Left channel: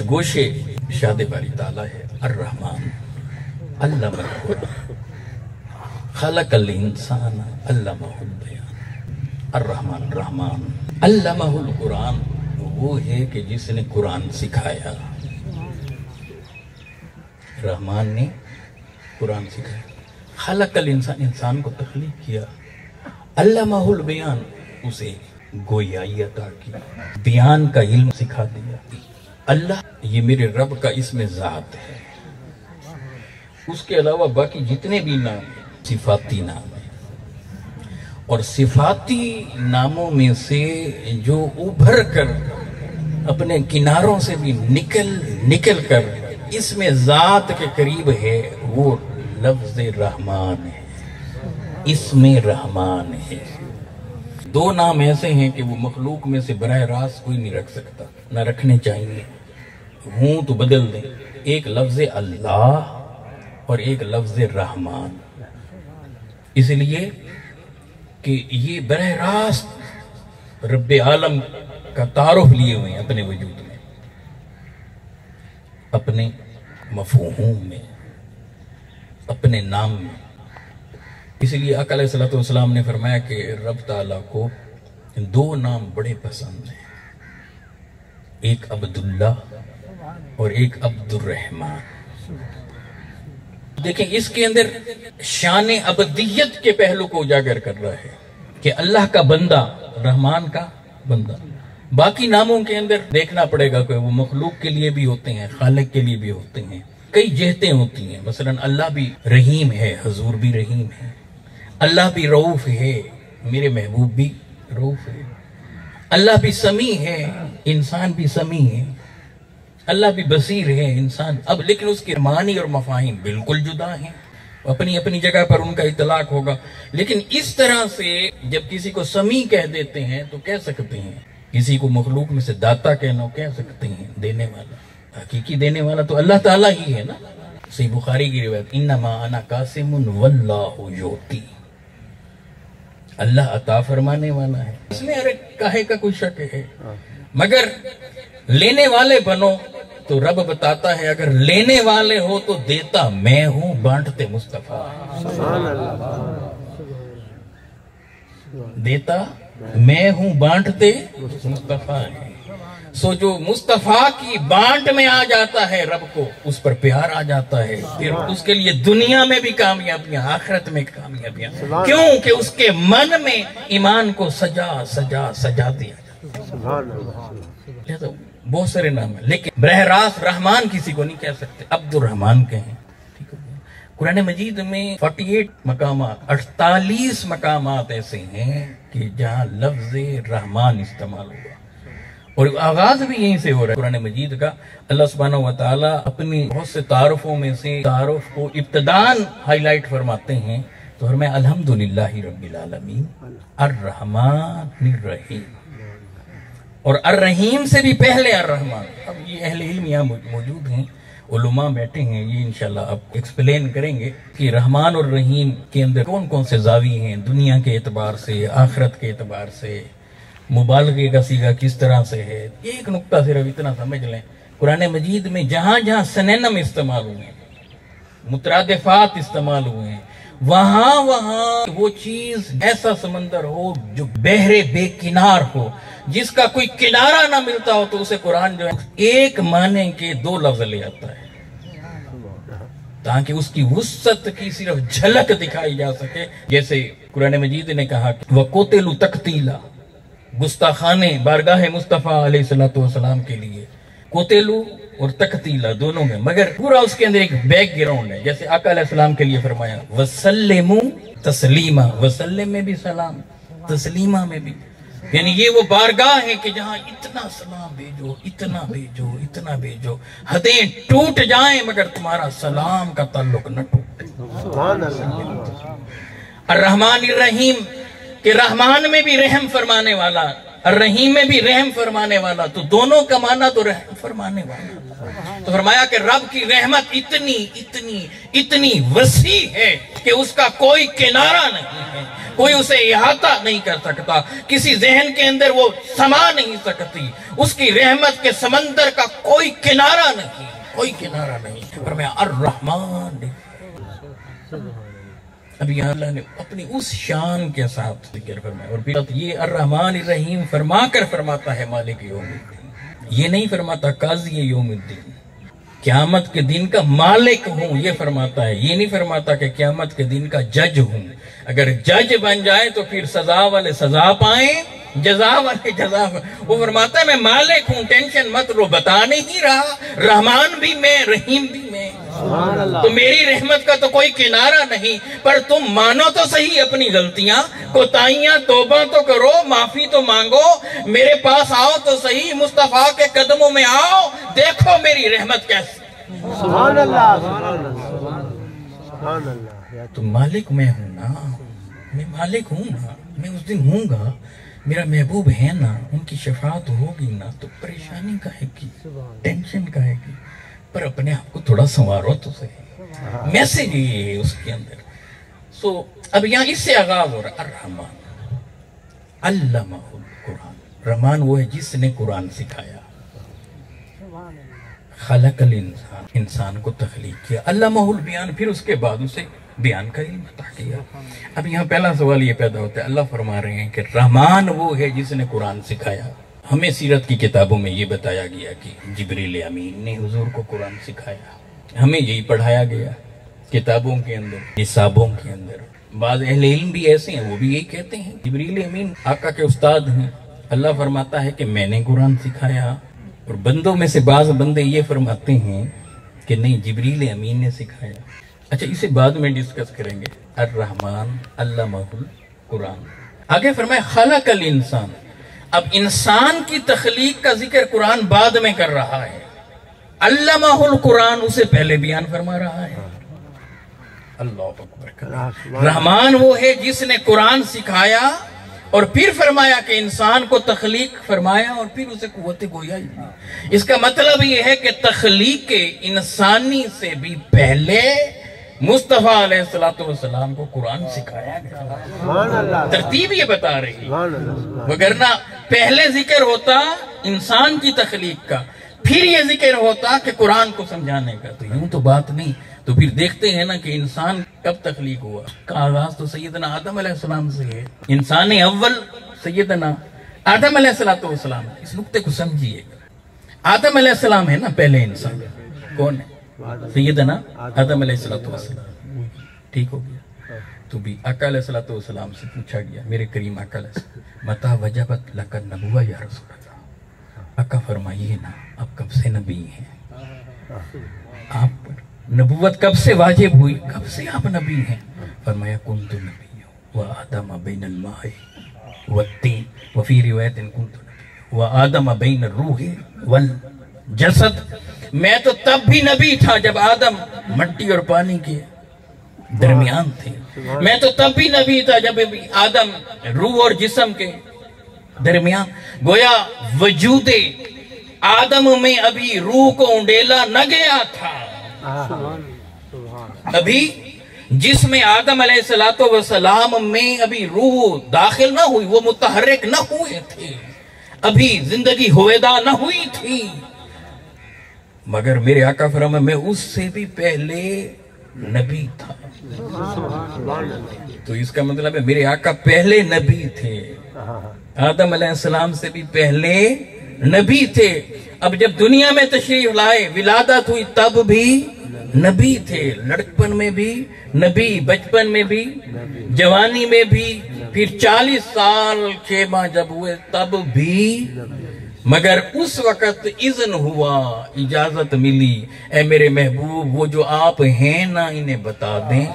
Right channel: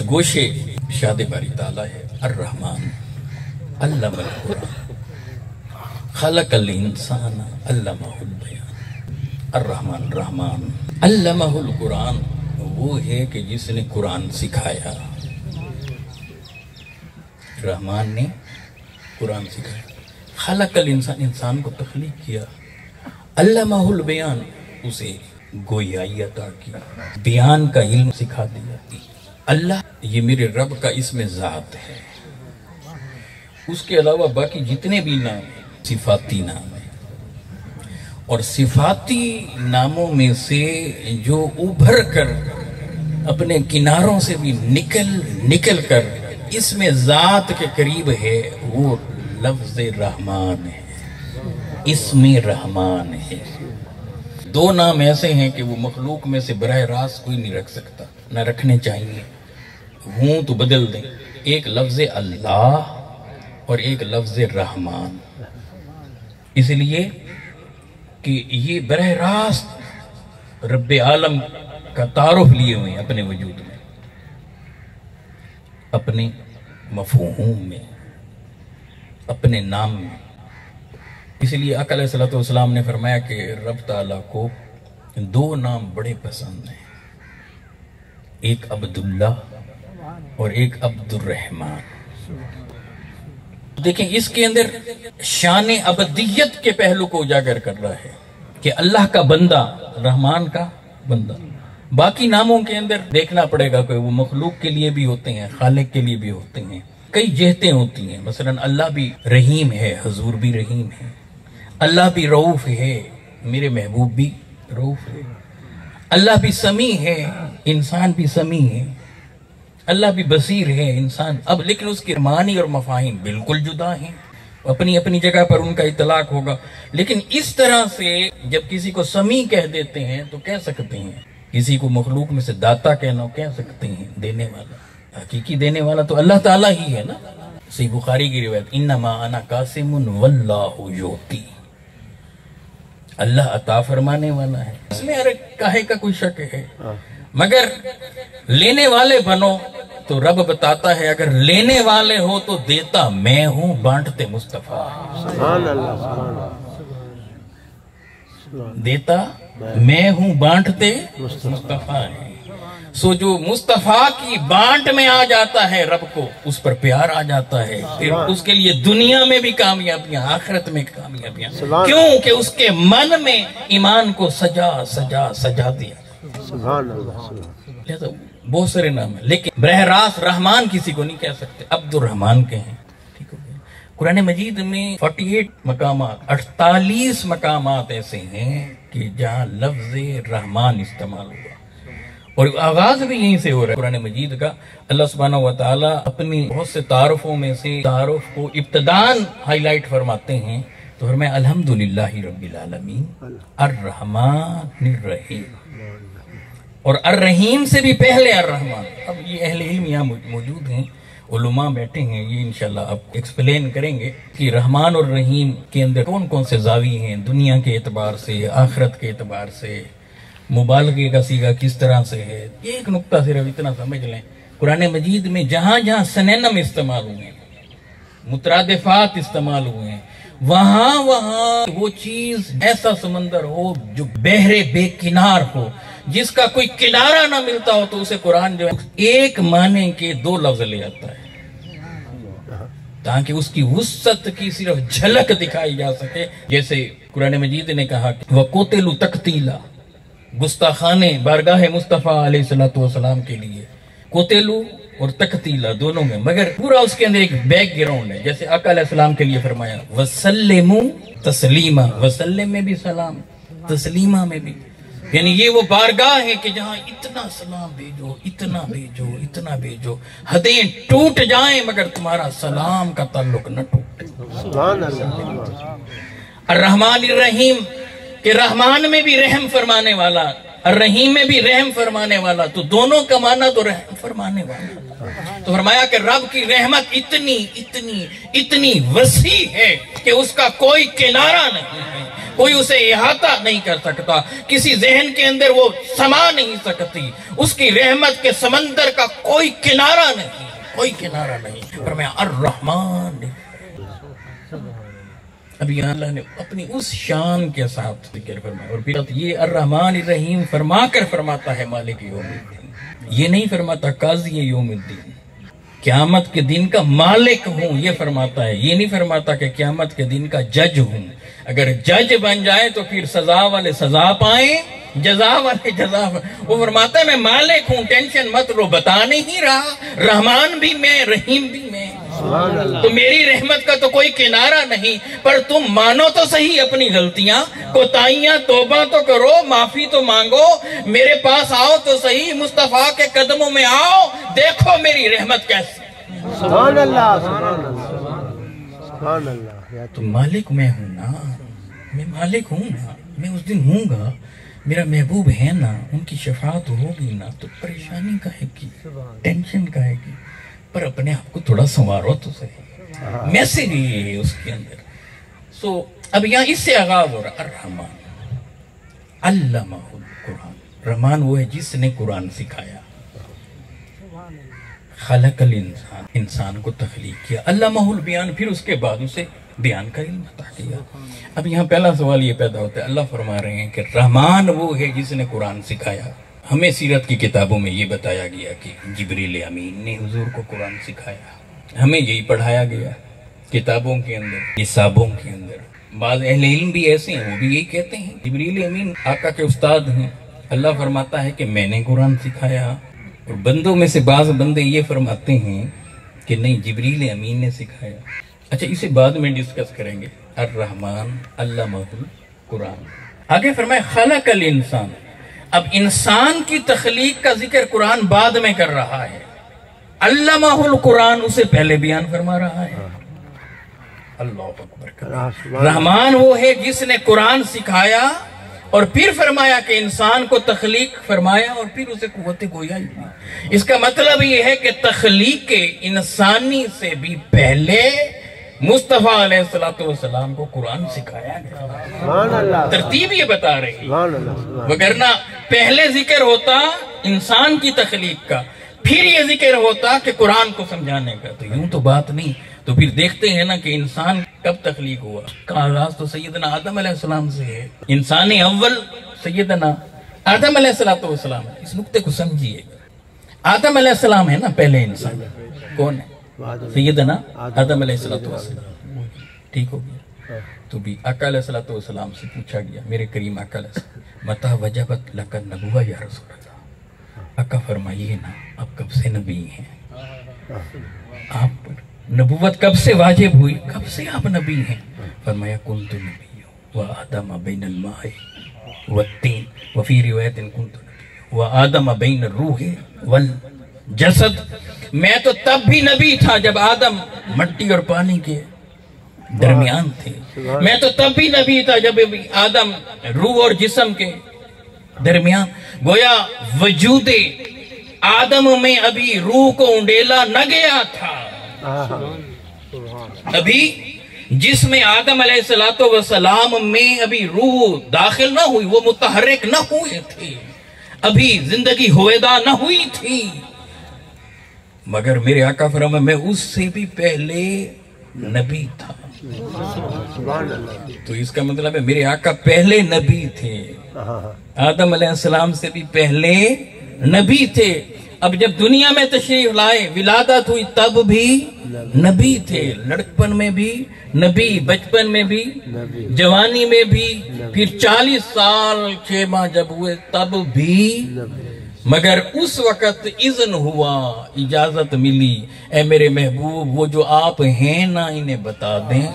کچھ گوشے شاد باری تعالیٰ ہے الرحمن علم القرآن خلق الانسان علمہ البیان الرحمن رحمان علمہ القرآن وہ ہے کہ جس نے قرآن سکھایا. رحمان نے قرآن سکھایا. خلق الانسان انسان کو تخلیق کیا. علمہ البیان اسے گویائی عطا کی. بیان کا علم سکھا دیا. اللہ یہ میرے رب کا اسم ذات ہے. اس کے علاوہ باقی جتنے بھی نام ہیں صفاتی نام ہیں. اور صفاتی ناموں میں سے جو ابھر کر اپنے کناروں سے بھی نکل کر اسم ذات کے قریب ہے وہ لفظ رحمان ہے. اسم رحمان ہے. دو نام ایسے ہیں کہ وہ مخلوق میں سے براہ راست کوئی نہیں رکھ سکتا، نہ رکھنے چاہیے. ہوں تو بدل دیں. ایک لفظ اللہ اور ایک لفظ رحمان. اس لیے کہ یہ براہ راست رب عالم کا تعارف لیے ہوئے ہیں اپنے وجود میں، اپنے مفہوم میں، اپنے نام میں. اس لیے آقا علیہ الصلوۃ والسلام نے فرمایا کہ رب تعالیٰ کو دو نام بڑے پسند ہیں، ایک عبداللہ اور ایک عبد الرحمن. دیکھیں اس کے اندر شان عبدیت کے پہلو کو اجاگر کر رہا ہے کہ اللہ کا بندہ، رحمان کا بندہ. باقی ناموں کے اندر دیکھنا پڑے گا کہ وہ مخلوق کے لیے بھی ہوتے ہیں، خالق کے لیے بھی ہوتے ہیں. کئی جہتیں ہوتی ہیں. مثلا اللہ بھی رحیم ہے، حضور بھی رحیم ہے. اللہ بھی رؤوف ہے، میرے محبوب بھی رؤوف ہے. اللہ بھی سمیع ہے، انسان بھی سمیع ہے. اللہ بھی بصیر ہے، انسان. اب لیکن اس کی معنی اور مفاہیم بالکل جدا ہیں. اپنی اپنی جگہ پر ان کا اطلاق ہوگا. لیکن اس طرح سے جب کسی کو سمیع کہہ دیتے ہیں تو کہہ سکتے ہیں. کسی کو مخلوق میں سے داتا کہنا کہہ سکتے ہیں، دینے والا. حقیقی دینے والا تو اللہ تعالیٰ ہی ہے نا. صحیح بخاری کی روایت انما انا قاسم واللہ یعطی. اللہ عطا فرمانے والا ہے. اس میں ارے کاہے کا کوئی شک ہے. مگر لینے والے بنو تو رب بتاتا ہے اگر لینے والے ہو تو دیتا میں ہوں، بانٹتے مصطفیٰ. دیتا میں ہوں، بانٹتے مصطفیٰ ہے. سو جو مصطفیٰ کی بانٹ میں آ جاتا ہے رب کو اس پر پیار آ جاتا ہے. پھر اس کے لیے دنیا میں بھی کامیابیاں، آخرت میں کامیابیاں. کیوں کہ اس کے من میں ایمان کو سجا دیا. بہت سارے نام ہیں لیکن براہ راست رحمان کسی کو نہیں کہہ سکتے. عبد الرحمان کہیں. قرآن مجید میں 48 مقامات، 48 مقامات ایسے ہیں کہ جہاں لفظ رحمان استعمال ہوا. اور آغاز بھی یہیں سے ہو رہا ہے قرآن مجید کا. اللہ سبحانہ وتعالی اپنی بہت سے تعارفوں میں سے تعارف کو ابتداً ہائی لائٹ فرماتے ہیں تو فرمایا الحمدللہ رب العالمین الرحمن الرحیم. اور الرحیم سے بھی پہلے الرحمن. اب یہ اہل علم یہاں موجود ہیں، علماء بیٹھے ہیں، یہ انشاءاللہ آپ ایکسپلین کریں گے کہ رحمان اور رحیم کے اندر کون کون سے زاویے ہیں، دنیا کے اعتبار سے، آخرت کے اعتبار سے، مبالغے کا صیغہ کس طرح سے ہے. یہ ایک نقطہ صرف اتنا سمجھ لیں. قرآن مجید میں جہاں جہاں سنینم استعمال ہوئے ہیں، مترادفات استعمال ہوئے ہیں، وہاں وہ چیز ایسا سمندر ہو جو بحر بے کنار ہو، جس کا کوئی کنارہ نہ ملتا ہو، تو اسے قرآن جو ہے ایک معنی کے دو لفظ لے آتا ہے تاکہ اس کی وسعت کی صرف جھلک دکھائی جا سکے. جیسے قرآن مجید نے کہا کہ وَقُتِلُوا تَقْتِيلًا، گستاخانے بارگاہ مصطفیٰ علیہ الصلوۃ والسلام کے لیے. قتلوا اور تقتیلا دونوں میں، مگر پورا اس کے اندر ایک بیک گراؤنڈ ہے. جیسے آقا علیہ السلام کے لیے فرمایا وسلموا تسلیما، وسلم میں بھی سلام، تسلیمہ میں بھی. یعنی یہ وہ بارگاہ ہے کہ جہاں اتنا سلام بھیجو، اتنا بھیجو، اتنا بھیجو، حدیں ٹوٹ جائیں مگر تمہارا سلام کا تعلق نہ ٹوٹے. الرحمن الرحیم کہ رحمان میں بھی رحم فرمانے والا، الرحیم میں بھی رحم فرمانے والا، تو دونوں کا معنی تو رحم فرمانے والا. تو فرمایا کہ رب کی رحمت اتنی اتنی اتنی وسیع ہے کہ اس کا کوئی کنارہ نہیں ہے. کوئی اسے احاطہ نہیں کر سکتا، کسی ذہن کے اندر وہ سما نہیں سکتی، اس کی رحمت کے سمندر کا کوئی کنارہ نہیں، کوئی کنارہ نہیں۔ فرمایا الرحمن، اب یہاں اللہ نے اپنی اس شان کے ساتھ ذکر فرمایا، اور پھر یہ الرحمن الرحیم فرما کر فرماتا ہے مالک یوم الدین، یہ نہیں فرماتا قاضی یوم الدین، قیامت کے دن کا مالک ہوں یہ فرماتا ہے، یہ نہیں فرماتا کہ قیامت کے دن کا جج ہوں۔ اگر جج بن جائے تو پھر سزا والے سزا پائیں، جزا والے جزا پائیں۔ وہ فرماتا ہے میں مالک ہوں، ٹینشن مت لو، بتا نہیں رہا رحمان بھی میں، رحیم بھی میں، تو میری رحمت کا تو کوئی کنارہ نہیں، پر تم مانو تو صحیح اپنی غلطیاں، کوتاہیاں، توبہ تو کرو، معافی تو مانگو، میرے پاس آؤ تو صحیح، مصطفیٰ کے قدموں میں آؤ، دیکھو میری رحمت کیسی۔ سبحان اللہ، سبحان اللہ۔ تو مالک میں ہوں نا، میں مالک ہوں نا، میں اس دن ہوں گا، میرا محبوب ہے نا، ان کی شفاعت ہوگی نا، تو پریشانی کہے گی، ٹینشن کہے گی، پر اپنے آپ کو تھوڑا سنوارو تو صحیح، میسج یہ ہے اس کے اندر۔ سو اب یہاں اس سے آغاز ہو رہا الرحمن علمہ القرآن، رحمان وہ ہے جس نے قرآن سکھایا، خلق الانسان، انسان کو تخلیق کیا، علمہ البیان، پھر اس کے بعد اسے بیان کا علم عطا کیا۔ اب یہاں پہلا سوال یہ پیدا ہوتا ہے، اللہ فرما رہے ہیں کہ رحمان وہ ہے جس نے قرآن سکھایا۔ ہمیں سیرت کی کتابوں میں یہ بتایا گیا کہ جبریل امین نے حضور کو قرآن سکھایا، ہمیں یہی پڑھایا گیا کتابوں کے اندر، حسابوں کے اندر۔ بعض اہل علم بھی ایسے ہیں، وہ بھی یہی کہتے ہیں جبریل امین آقا کے استاد ہیں، اللہ فرماتا ہے کہ میں نے قرآن سکھایا، اور بندوں میں سے بعض بندے یہ فرماتے ہیں کہ نہیں جبریل امین نے سکھایا۔ اچھا اسے بعد میں ڈسکس کریں گے۔ الرحمن علمہ القرآن، آگے فرمایا خلق الانسان، اب انسان کی تخلیق کا ذکر قرآن بعد میں کر رہا ہے، علمہ القرآن اسے پہلے بیان فرما رہا ہے۔ اللہ اکبر، رحمان وہ ہے جس نے قرآن سکھایا اور پھر فرمایا کہ انسان کو تخلیق فرمایا اور پھر اسے قوت گویا دی۔ اس کا مطلب یہ ہے کہ تخلیق انسانی سے بھی پہلے مصطفیٰ علیہ السلام کو قرآن سکھایا گیا۔ ترتیب یہ بتا رہی، وگرنہ پہلے ذکر ہوتا انسان کی تخلیق کا، پھر یہ ذکر ہوتا کہ قرآن کو سمجھانے کا، تو یوں تو بات نہیں۔ تو پھر دیکھتے ہیں نا کہ انسان کب تخلیق ہوا، کا آغاز تو سیدنا آدم علیہ السلام سے ہے، انسان اول سیدنا آدم علیہ السلام۔ اس نقطے کو سمجھیے، آدم علیہ السلام ہے نا پہلے انسان، کون ہے؟ سیدنا آدم علیہ السلام، ٹھیک ہو گیا۔ تو بھی آقا علیہ السلام سے پوچھا گیا، میرے کریم آقا علیہ السلام، متا وجبت لک النبوہ یا رسول اللہ، آقا فرمائیے نا آپ کب سے نبی ہیں، آپ نبوت کب سے واجب ہوئی، کب سے آپ نبی ہیں؟ فرمایا کنت نبی وآدم بین الماء والتین، وفی روایت کنت نبی وآدم بین الروح والجسد، میں تو تب بھی نبی تھا جب آدم مٹی اور پانی کے درمیان تھے، میں تو تب بھی نبی تھا جب آدم روح اور جسم کے درمیان۔ گویا وجود آدم میں ابھی روح کو انڈیلا نہ گیا تھا، ابھی جسم آدم علیہ السلام میں ابھی روح داخل نہ ہوئی، وہ متحرک نہ ہوئے تھے، ابھی زندگی ہویدا نہ ہوئی تھی، مگر میرے آقا فرمایا میں اس سے بھی پہلے نبی تھا۔ تو اس کا مطلب ہے میرے آقا پہلے نبی تھے، آدم علیہ السلام سے بھی پہلے نبی تھے۔ اب جب دنیا میں تشریف لائے، ولادت ہوئی، تب بھی نبی تھے، لڑکپن میں بھی نبی، بچپن میں بھی، جوانی میں بھی، پھر 40 سال 6 ماہ جب ہوئے تب بھی، مگر اس وقت اذن ہوا، اجازت ملی، اے میرے محبوب وہ جو آپ ہیں نا انہیں بتا دیں۔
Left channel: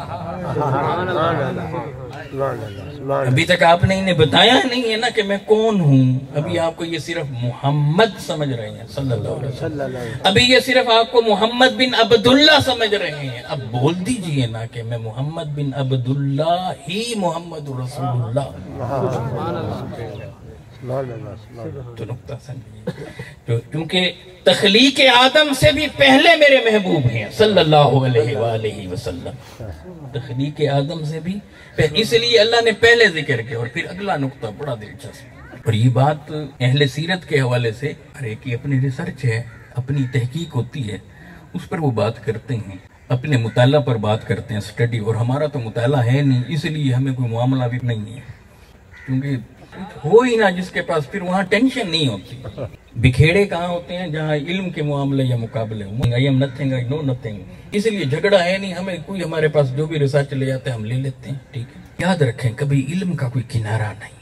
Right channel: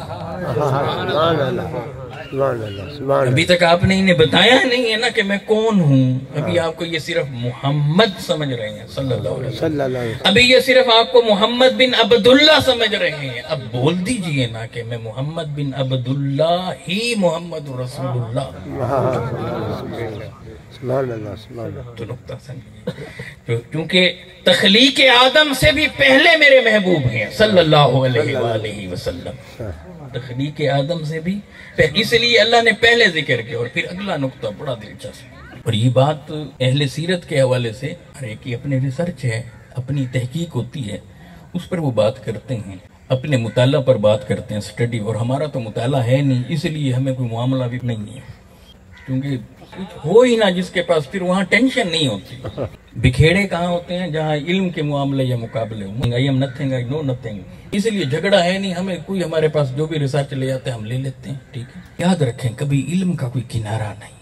ابھی تک آپ نے انہیں بتایا نہیں ہے نا کہ میں کون ہوں، ابھی آپ کو یہ صرف محمد سمجھ رہے ہیں صلی اللہ علیہ وسلم، ابھی یہ صرف آپ کو محمد بن عبداللہ سمجھ رہے ہیں، اب بول دیجئے نا کہ میں محمد بن عبداللہ ہی محمد رسول اللہ تو نقطہ سمجھیے، کیونکہ تخلیق آدم سے بھی پہلے میرے محبوب ہیں صلی اللہ علیہ وآلہ وسلم، تخلیق آدم سے بھی اس لیے اللہ نے پہلے ذکر کیا۔ اور پھر اگلا نقطہ بڑا دلچسپ، اور یہ بات اہل سیرت کے حوالے سے، ہر ایک کی اپنی ریسرچ ہے، اپنی تحقیق ہوتی ہے، اس پر وہ بات کرتے ہیں، اپنے مطالعہ پر بات کرتے ہیں، اسٹڈی، اور ہمارا تو مطالعہ ہے نہیں، اس لیے ہمیں کوئی معاملہ بھی نہیں ہے، کیونکہ ہو ہی نہ جس کے پاس، پھر وہاں ٹینشن نہیں ہوتی۔ بکھیڑے کہاں ہوتے ہیں؟ جہاں علم کے معاملے یا مقابلے ہوں، I am nothing, I know nothing، اس لیے جھگڑا ہے نہیں، ہمیں کوئی ہمارے پاس جو بھی ریسرچ لے جاتے ہیں ہم لے لیتے ہیں، ٹھیک ہے۔ یاد رکھیں کبھی علم کا کوئی کنارہ نہیں۔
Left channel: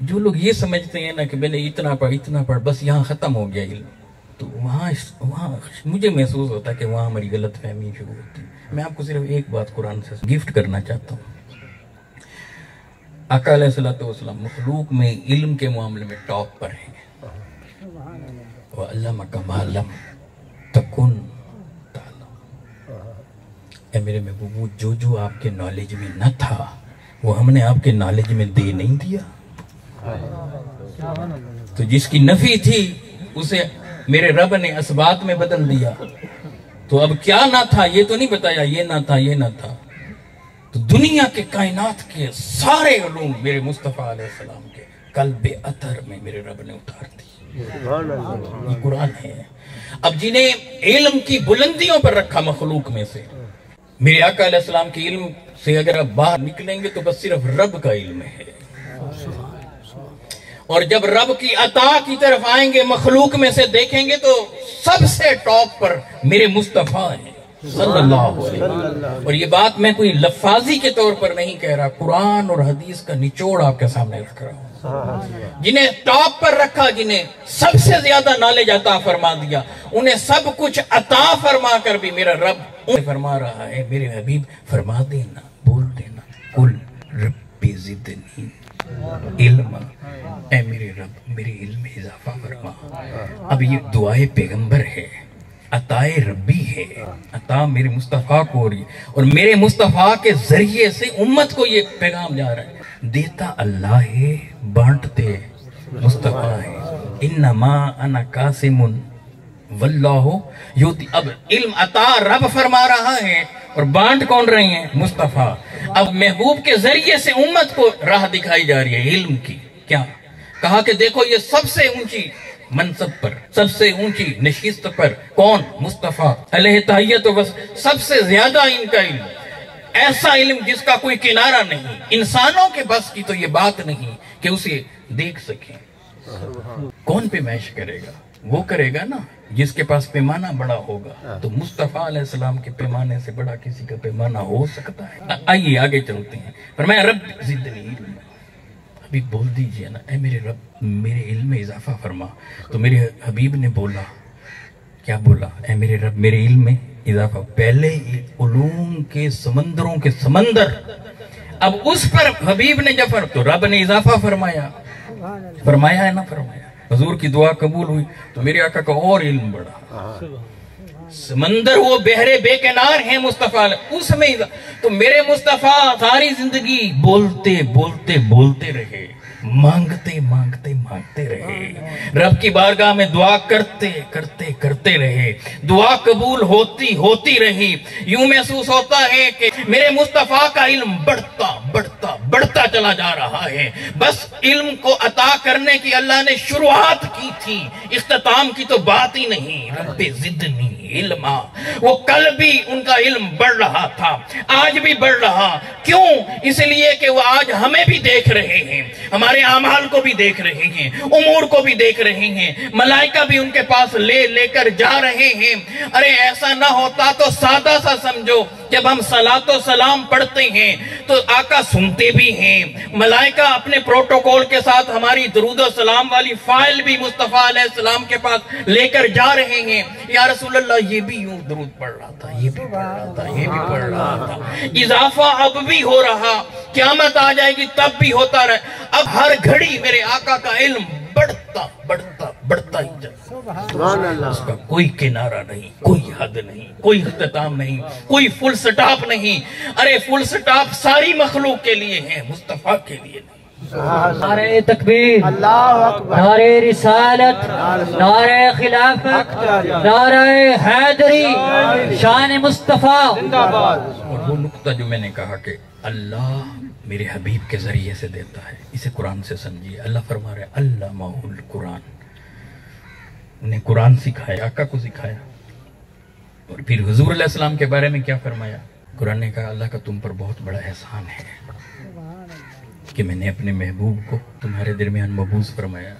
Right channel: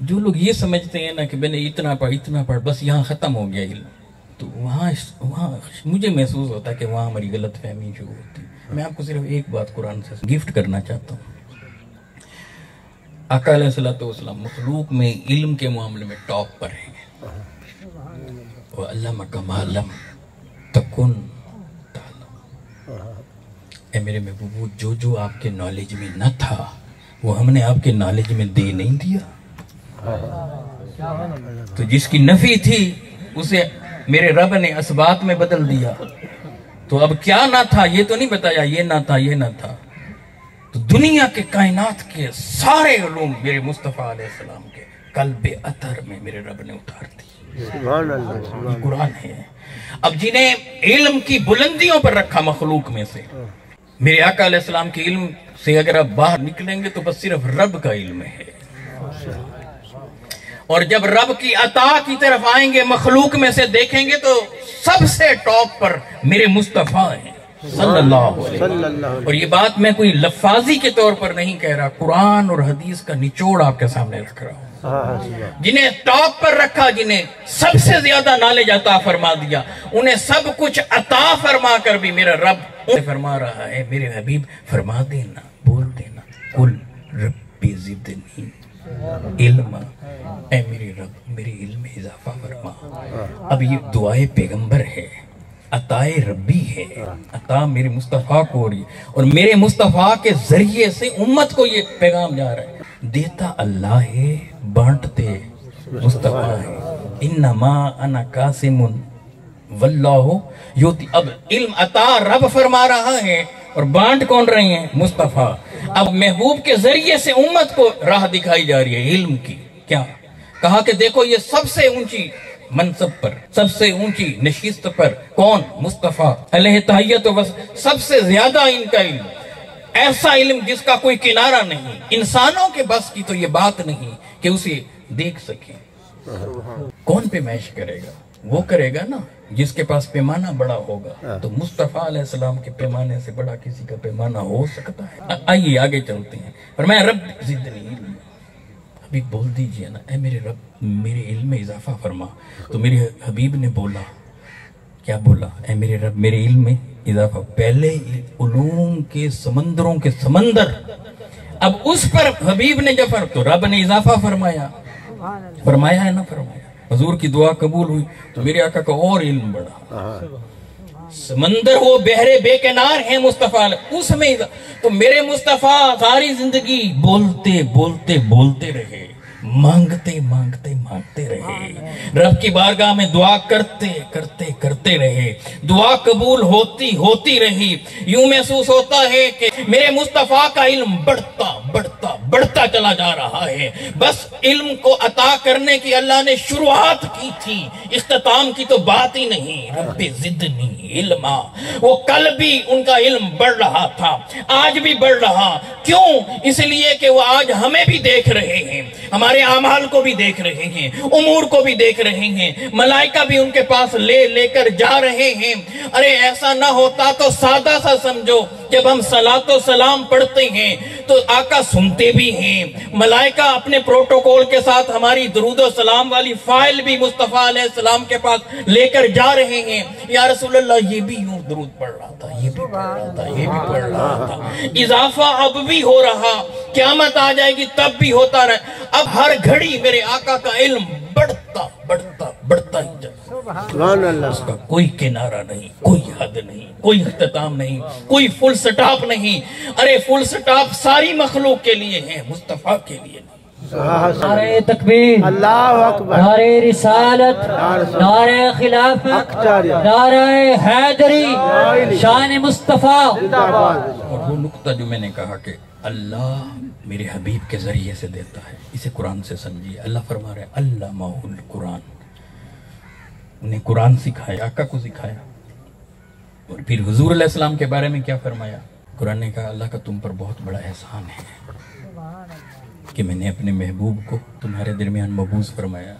جو لوگ یہ سمجھتے ہیں نا کہ میں نے اتنا پڑھ بس یہاں ختم ہو گیا علم، تو وہاں مجھے محسوس ہوتا ہے کہ وہاں ہماری غلط فہمی شروع ہوتی ہے۔ میں آپ کو صرف ایک بات قرآن سے گفٹ کرنا چاہتا ہوں، آقا علیہ السلام مخلوق میں علم کے معاملے میں ٹاپ پر ہیں، وَعَلَّمَكَ مَا لَمْ تَكُنْ تَعْلَمُ۔ اے میرے محبوب، جو آپ کے نالج میں نہ تھا وہ ہم نے آپ کے نالج میں دے نہیں دیا، تو جس کی نفی تھی اسے میرے رب نے اسبات میں بدل دیا، تو اب کیا نہ تھا یہ تو نہیں بتایا، یہ نہ تھا یہ نہ تھا، تو دنیا کے کائنات کے سارے علوم میرے مصطفیٰ علیہ السلام کے قلب اطہر میں میرے رب نے اتار دی، یہ قرآن ہے۔ اب جنہیں علم کی بلندیوں پر رکھا مخلوق میں سے، میرے آقا علیہ السلام کے علم سے اگر آپ باہر نکلیں گے تو بس صرف رب کا علم ہے، اور جب رب کی عطا کی طرف آئیں گے مخلوق میں سے دیکھیں گے تو سب سے ٹاپ پر میرے مصطفیٰ ہیں صلی اللہ علیہ وسلم۔ اور یہ بات میں کوئی لفاظی کے طور پر نہیں کہہ رہا، قرآن اور حدیث کا نچوڑ آپ کے سامنے رکھ رہا ہوں۔ جنہیں ٹاپ پر رکھا، جنہیں سب سے زیادہ نالج عطا فرما دیا، انہیں سب کچھ عطا فرما کر بھی میرا رب فرما رہا ہے، میرے حبیب فرما دینا، بول دینا، قل ربی زدنی علم، اے میرے رب میرے علم میں اضافہ فرما۔ اب یہ دعائے پیغمبر ہے، عطائے ربی ہے، عطا میرے مصطفیٰ کو ہو رہی ہے، اور میرے مصطفیٰ کے ذریعے سے امت کو یہ پیغام جا رہا ہے، دیتا اللہ ہے بانٹتے مصطفیٰ ہے، انما انا قاسم واللہ یؤتی۔ اب علم عطا رب فرما رہا ہے اور بانٹ کون رہے ہیں؟ مصطفیٰ۔ اب محبوب کے ذریعے سے امت کو راہ دکھائی جا رہی ہے علم کی، کیا کہا کہ دیکھو یہ سب سے اونچی منصب پر، سب سے اونچی نشست پر کون؟ مصطفیٰ علیہ تحیت و سب سے زیادہ ان کا علم، ایسا علم جس کا کوئی کنارہ نہیں، انسانوں کے بس کی تو یہ بات نہیں کہ اسے دیکھ سکیں۔ کون پیمائش کرے گا؟ وہ کرے گا نا جس کے پاس پیمانہ بڑا ہوگا، تو مصطفیٰ علیہ السلام کے پیمانے سے بڑا کسی کا پیمانہ ہو سکتا ہے؟ آئیے آگے چلتے ہیں، فرمایا رب زدنی علم، ابھی بول دیجئے نا، اے میرے رب میرے علم میں اضافہ فرما۔ تو میرے حبیب نے بولا، کیا بولا؟ اے میرے رب میرے علم میں اضافہ۔ پہلے علوم کے سمندروں کے سمندر، اب اس پر حبیب نے جب تو رب نے اضافہ فرمایا ہے نا فرمایا، حضور کی دعا قبول ہوئی تو میرے آقا کا اور علم بڑھا، سمندر وہ بحرے بے کنار ہیں مصطفیٰ، اس میں تو میرے مصطفیٰ ساری زندگی بولتے رہے، مانگتے رہے، رب کی بارگاہ میں دعا کرتے رہے، دعا قبول ہوتی رہی۔ یوں محسوس ہوتا ہے کہ میرے مصطفیٰ کا علم بڑھتا چلا جا رہا ہے، بس علم کو عطا کرنے کی اللہ نے شروعات کی تھی، اختتام کی تو بات ہی نہیں۔ رب زدنی علما، وہ کل بھی ان کا علم بڑھ رہا تھا، آج بھی بڑھ رہا، کیوں؟ اس لیے کہ وہ آج ہمیں بھی دیکھ رہے ہیں، ہمارے اعمال کو بھی دیکھ رہے ہیں، امور کو بھی دیکھ رہے ہیں، ملائکہ بھی ان کے پاس لے کر جا رہے ہیں۔ ارے ایسا نہ ہوتا تو سادہ سا سمجھو، جب ہم صلاۃ و سلام پڑھتے ہیں تو آقا سنتے بھی ہیں، ملائکہ اپنے پروٹوکول کے ساتھ ہماری درود و سلام والی فائل بھی مصطفیٰ علیہ السلام کے پاس لے کر جا رہے ہیں۔ یا رسول اللہ یہ بھی یوں درود پڑھ رہا تھا، یہ بھی پڑھ رہا تھا، یہ بھی پڑھ رہا تھا، اضافہ اب بھی ہو رہا، قیامت آ جائے گی تب بھی ہوتا رہے۔ اب ہر گھڑی میرے آقا کا علم بڑھتا ہی جائے، اس کا کوئی کنارہ نہیں، کوئی حد نہیں، کوئی اختتام نہیں، کوئی فل سٹاپ نہیں۔ ارے فل سٹاپ ساری مخلوق کے لیے ہے، مصطفیٰ کے لیے نہیں۔ نعرہ تکبیر، نعرہ رسالت، نعرہ خلافت، نعرہ حیدری، شان مصطفیٰ۔ اور وہ نقطہ جو میں نے کہا کہ اللہ میرے حبیب کے ذریعے سے دیتا ہے، اسے قرآن سے سمجھیے۔ اللہ فرما رہے علمہ القرآن، انہیں قرآن سکھایا، آقا کو سکھایا۔ اور پھر حضور علیہ السلام کے بارے میں کیا فرمایا؟ قرآن نے کہا اللہ کا تم پر بہت بڑا احسان ہے کہ میں نے اپنے محبوب کو تمہارے درمیان مبعوث فرمایا۔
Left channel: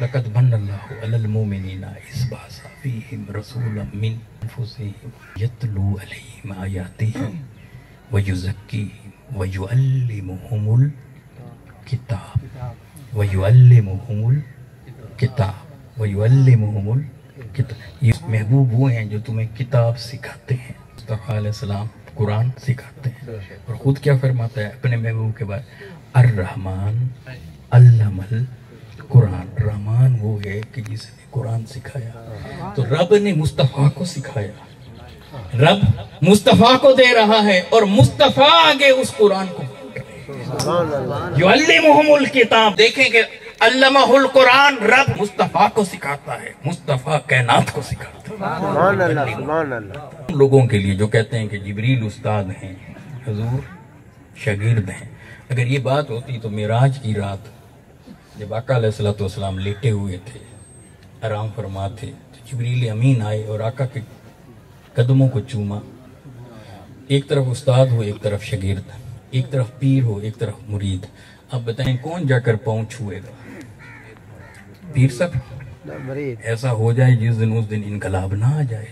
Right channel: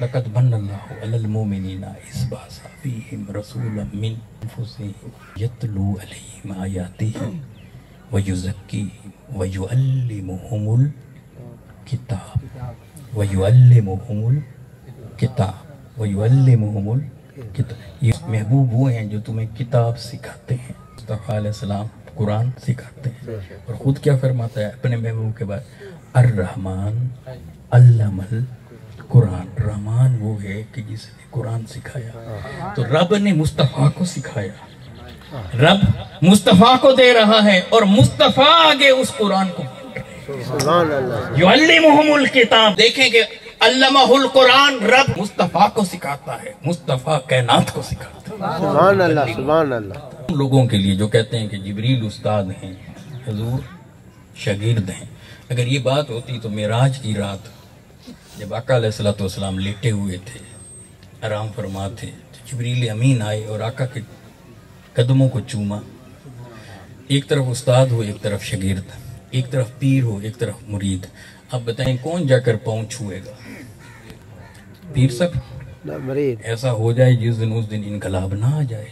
لقد من اللہ علی المؤمنین اذ بعث فیہم رسولا من انفسہم یتلو علیہم آیاتہ ویزکیہم ویعلمہم الکتاب یہ محبوب وہ ہیں جو تمہیں کتاب سکھاتے ہیں۔ مصطفیٰ علیہ السلام قرآن سکھاتے ہیں، اور خود کیا فرماتا ہے اپنے محبوب کے بعد؟ الرحمن علم القرآن، رحمان وہ ہے کہ جس نے قرآن سکھایا۔ تو رب نے مصطفیٰ کو سکھایا، رب مصطفیٰ کو دے رہا ہے، اور مصطفیٰ آگے اس قرآن کو یعلمہم الکتاب۔ دیکھیں کہ علمہ القرآن، رب مصطفیٰ کو سکھاتا ہے، مصطفیٰ کائنات کو سکھاتا ہے۔ سبحان اللہ، سبحان اللہ۔ لوگوں کے لیے جو کہتے ہیں کہ جبریل استاد ہیں، حضور شاگرد ہیں، اگر یہ بات ہوتی تو معراج کی رات جب آقا علیہ السلام لیٹے ہوئے تھے، آرام فرما تھے، تو جبریل امین آئے اور آقا کے قدموں کو چوما۔ ایک طرف استاد ہو، ایک طرف شاگرد، ایک طرف پیر ہو، ایک طرف مرید، اب بتائیں کون جا کر پاؤں چھوئے گا؟ پیر صاحب؟ ایسا ہو جائے جس دن اس دن انقلاب نہ آ جائے،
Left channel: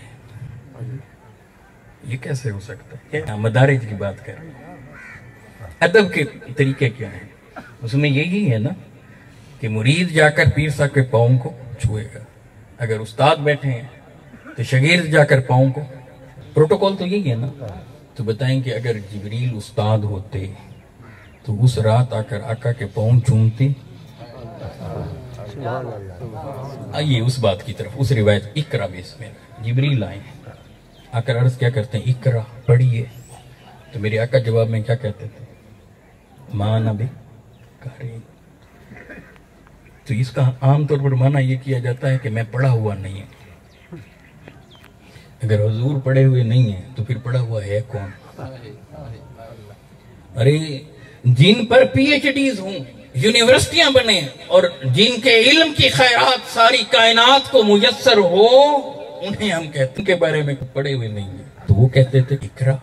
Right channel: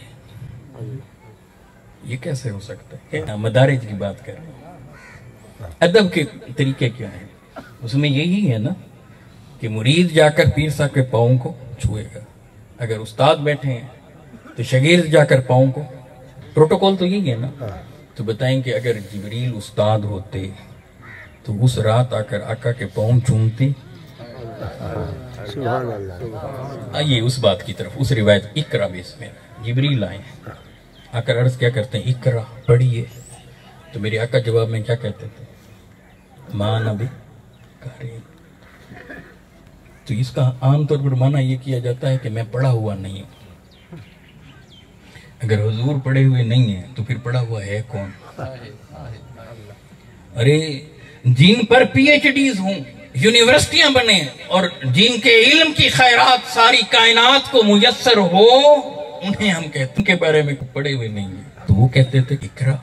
یہ کیسے ہو سکتا ہے؟ مدارج کی بات کر رہے ہیں، ادب کے طریقے کیا ہیں؟ اس میں یہی ہے نا کہ مرید جا کر پیر صاحب کے پاؤں کو چھوئے گا، اگر استاد بیٹھے ہیں تو شاگرد جا کر پاؤں کو، پروٹوکول تو یہی ہے نا۔ تو بتائیں کہ اگر جبریل استاد ہوتے تو اس رات آ کر آقا کے پاؤں چومتی؟ آئیے اس بات کی طرف، اس روایت اقرا بسم اللہ، جبریل آئے آ کر عرض کیا کرتے ہیں؟ اقرا پڑھیے۔ تو میرے آقا جواب میں کیا کہتے تھے؟ ماں نبی قاری۔ تو اس کا عام طور پر معنی یہ کیا جاتا ہے کہ میں پڑھا ہوا نہیں ہوں۔ اگر حضور پڑھے ہوئے نہیں ہیں تو پھر پڑھا ہوا ہے کون؟ ارے جن پر پی ایچ ڈیز ہوں، یونیورسٹیاں بنے، اور جن کے علم کی خیرات ساری کائنات کو میسر ہو، انہیں ہم کہتے ہیں کے بارے میں پڑھے ہوئے نہیں ہیں۔ تو وہ کہتے تھے اقرا،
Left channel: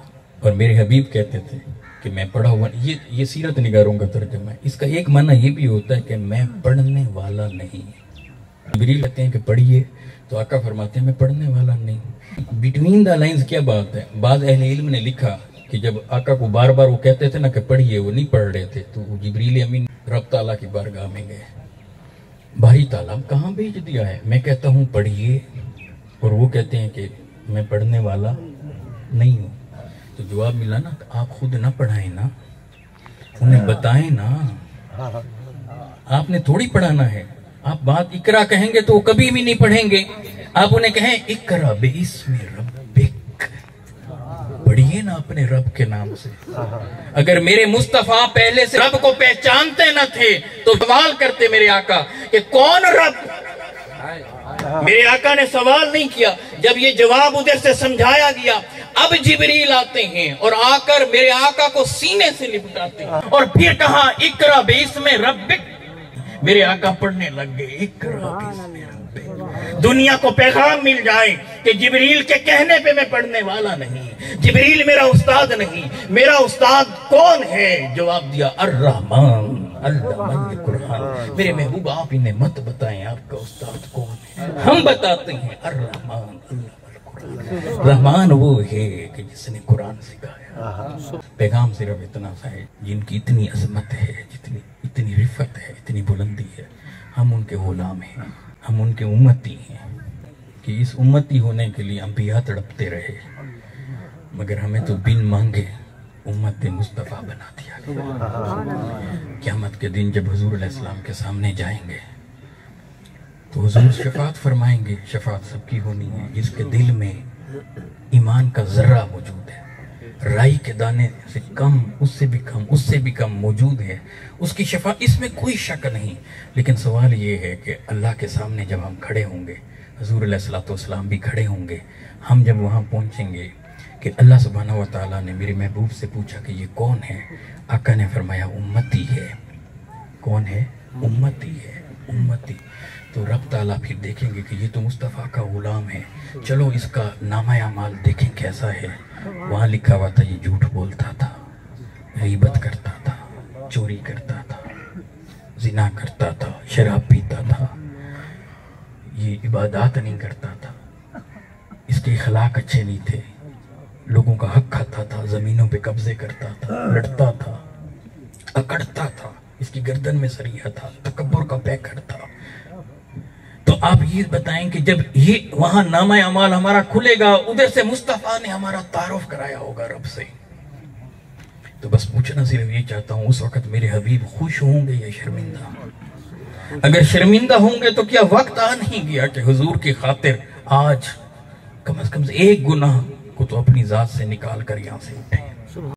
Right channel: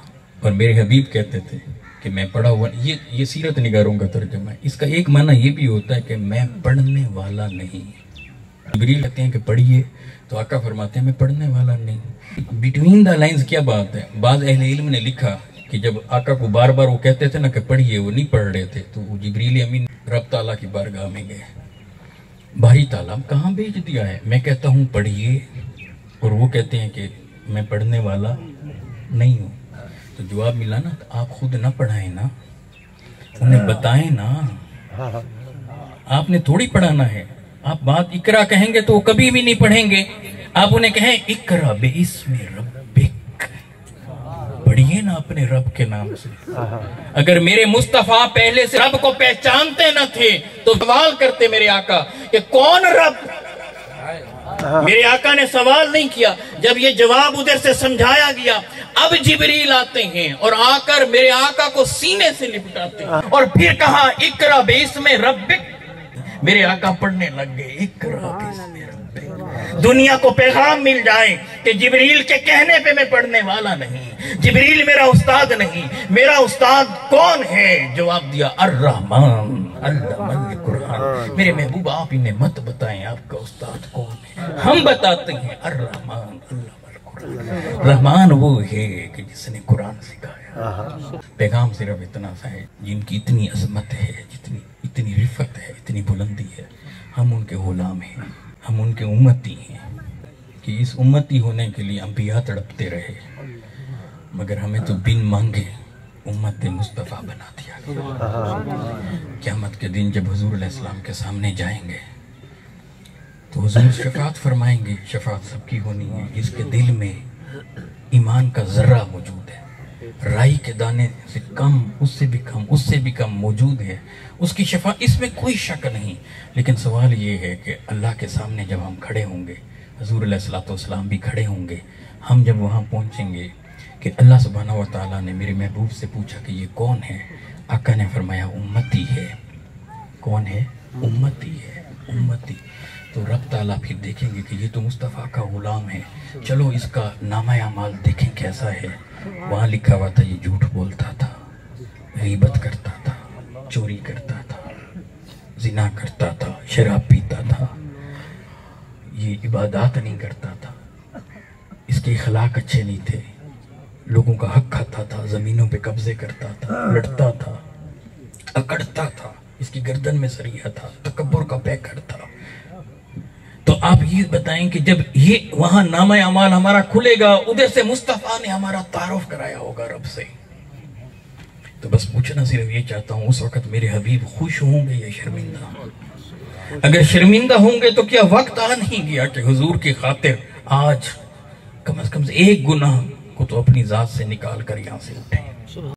اور میرے حبیب کہتے تھے کہ میں پڑھا ہوا۔ یہ سیرت نگاروں کا ترجمہ ہے۔ اس کا ایک معنی یہ بھی ہوتا ہے کہ میں پڑھنے والا نہیں۔ جبریل کہتے ہیں کہ پڑھیے، تو آقا فرماتے ہیں میں پڑھنے والا نہیں۔ بٹوین دا لائنز کیا بات ہے؟ بعض اہل علم نے لکھا کہ جب آقا کو بار بار وہ کہتے تھے نا کہ پڑھیے، وہ نہیں پڑھ رہے تھے، تو وہ جبریل امین رب تعالیٰ کی بارگاہ میں گئے، بھائی تعالیٰ کہاں بھیج دیا ہے؟ میں کہتا ہوں پڑھیے، اور وہ کہتے ہیں کہ میں پڑھنے والا نہیں ہوں۔ تو جواب ملا نا، آپ خود نہ پڑھائیں نا، انہیں بتائیں نا، آپ نے تھوڑی پڑھانا ہے۔ آپ بات اقرا کہیں گے تو وہ کبھی بھی نہیں پڑھیں گے۔ آپ انہیں کہیں اقرا باسم ربک، پڑھیے نا اپنے رب کے نام سے۔ اگر میرے مصطفیٰ پہلے سے رب کو پہچانتے نہ تھے تو سوال کرتے میرے آقا کہ کون رب؟ میرے آقا نے سوال نہیں کیا، جب یہ جواب ادھر سے سمجھایا گیا، اب جبریل آتے ہیں اور آ کر میرے آقا کو سینے سے لپٹاتے ہیں، اور پھر کہا اقرا باسم ربک۔ میرے آقا پڑھنے لگ گئے اقرا باسم ربک۔ دنیا کو پیغام مل جائے کہ جبریل کے کہنے پہ میں پڑھنے والا نہیں، جبریل میرا استاد نہیں، میرا استاد کون ہے؟ جواب دیا الرحمن علم القرآن۔ میرے محبوب آپ انہیں مت بتائیں آپ کا استاد کون ہے، ہم بتاتے ہیں الرحمن علم القرآن۔ رحمان وہ ہے کہ جس نے قرآن سکھایا۔ پیغام صرف اتنا سا ہے، جن کی اتنی عظمت ہے، اتنی رفت ہے، اتنی بلندی ہے، ہم ان کے غلام ہیں، ہم ان کے امتی ہیں، کہ اس امتی ہونے کے لیے انبیاء تڑپتے رہے، مگر ہمیں تو بن مانگے امت مصطفیٰ بنا دیا گیا۔ قیامت کے دن جب حضور علیہ السلام کے سامنے جائیں گے تو حضور شفاعت فرمائیں گے۔ شفاعت سب کی ہونی ہے جس کے دل میں ایمان کا ذرہ موجود ہے، رائی کے دانے سے کم، اس سے بھی کم موجود ہے اس کی شفا، اس میں کوئی شک نہیں۔ لیکن سوال یہ ہے کہ اللہ کے سامنے جب ہم کھڑے ہوں گے، حضور علیہ الصلوۃ والسلام بھی کھڑے ہوں گے، ہم جب وہاں پہنچیں گے کہ اللہ سبحانہ و تعالیٰ نے میرے محبوب سے پوچھا کہ یہ کون ہے، آقا نے فرمایا امتی ہے۔ کون ہے؟ امتی ہے، امتی۔ تو رب تعالیٰ پھر دیکھیں گے کہ یہ تو مصطفیٰ کا غلام ہے، چلو اس کا نامہ اعمال دیکھیں کیسا ہے۔ وہاں لکھا ہوا تھا یہ جھوٹ بولتا تھا، غیبت کرتا تھا، چوری کرتا تھا، زنا کرتا تھا، شراب پیتا تھا، یہ عبادات نہیں کرتا تھا، اس کے اخلاق اچھے نہیں تھے، لوگوں کا حق کھاتا تھا، زمینوں پہ قبضے کرتا تھا، لڑتا تھا، اکڑتا تھا، اس کی گردن میں سریا تھا، تکبر کا پیکر تھا۔ تو آپ یہ بتائیں کہ جب یہ وہاں نامہ اعمال ہمارا کھلے گا، ادھر سے مصطفیٰ نے ہمارا تعارف کرایا ہوگا رب سے، تو بس پوچھنا صرف یہ چاہتا ہوں، اس وقت میرے حبیب خوش ہوں گے یا شرمندہ؟ اگر شرمندہ ہوں گے تو کیا وقت آ نہیں گیا کہ حضور کی خاطر آج کم از کم ایک گناہ کو تو اپنی ذات سے نکال کر یہاں سے اٹھیں؟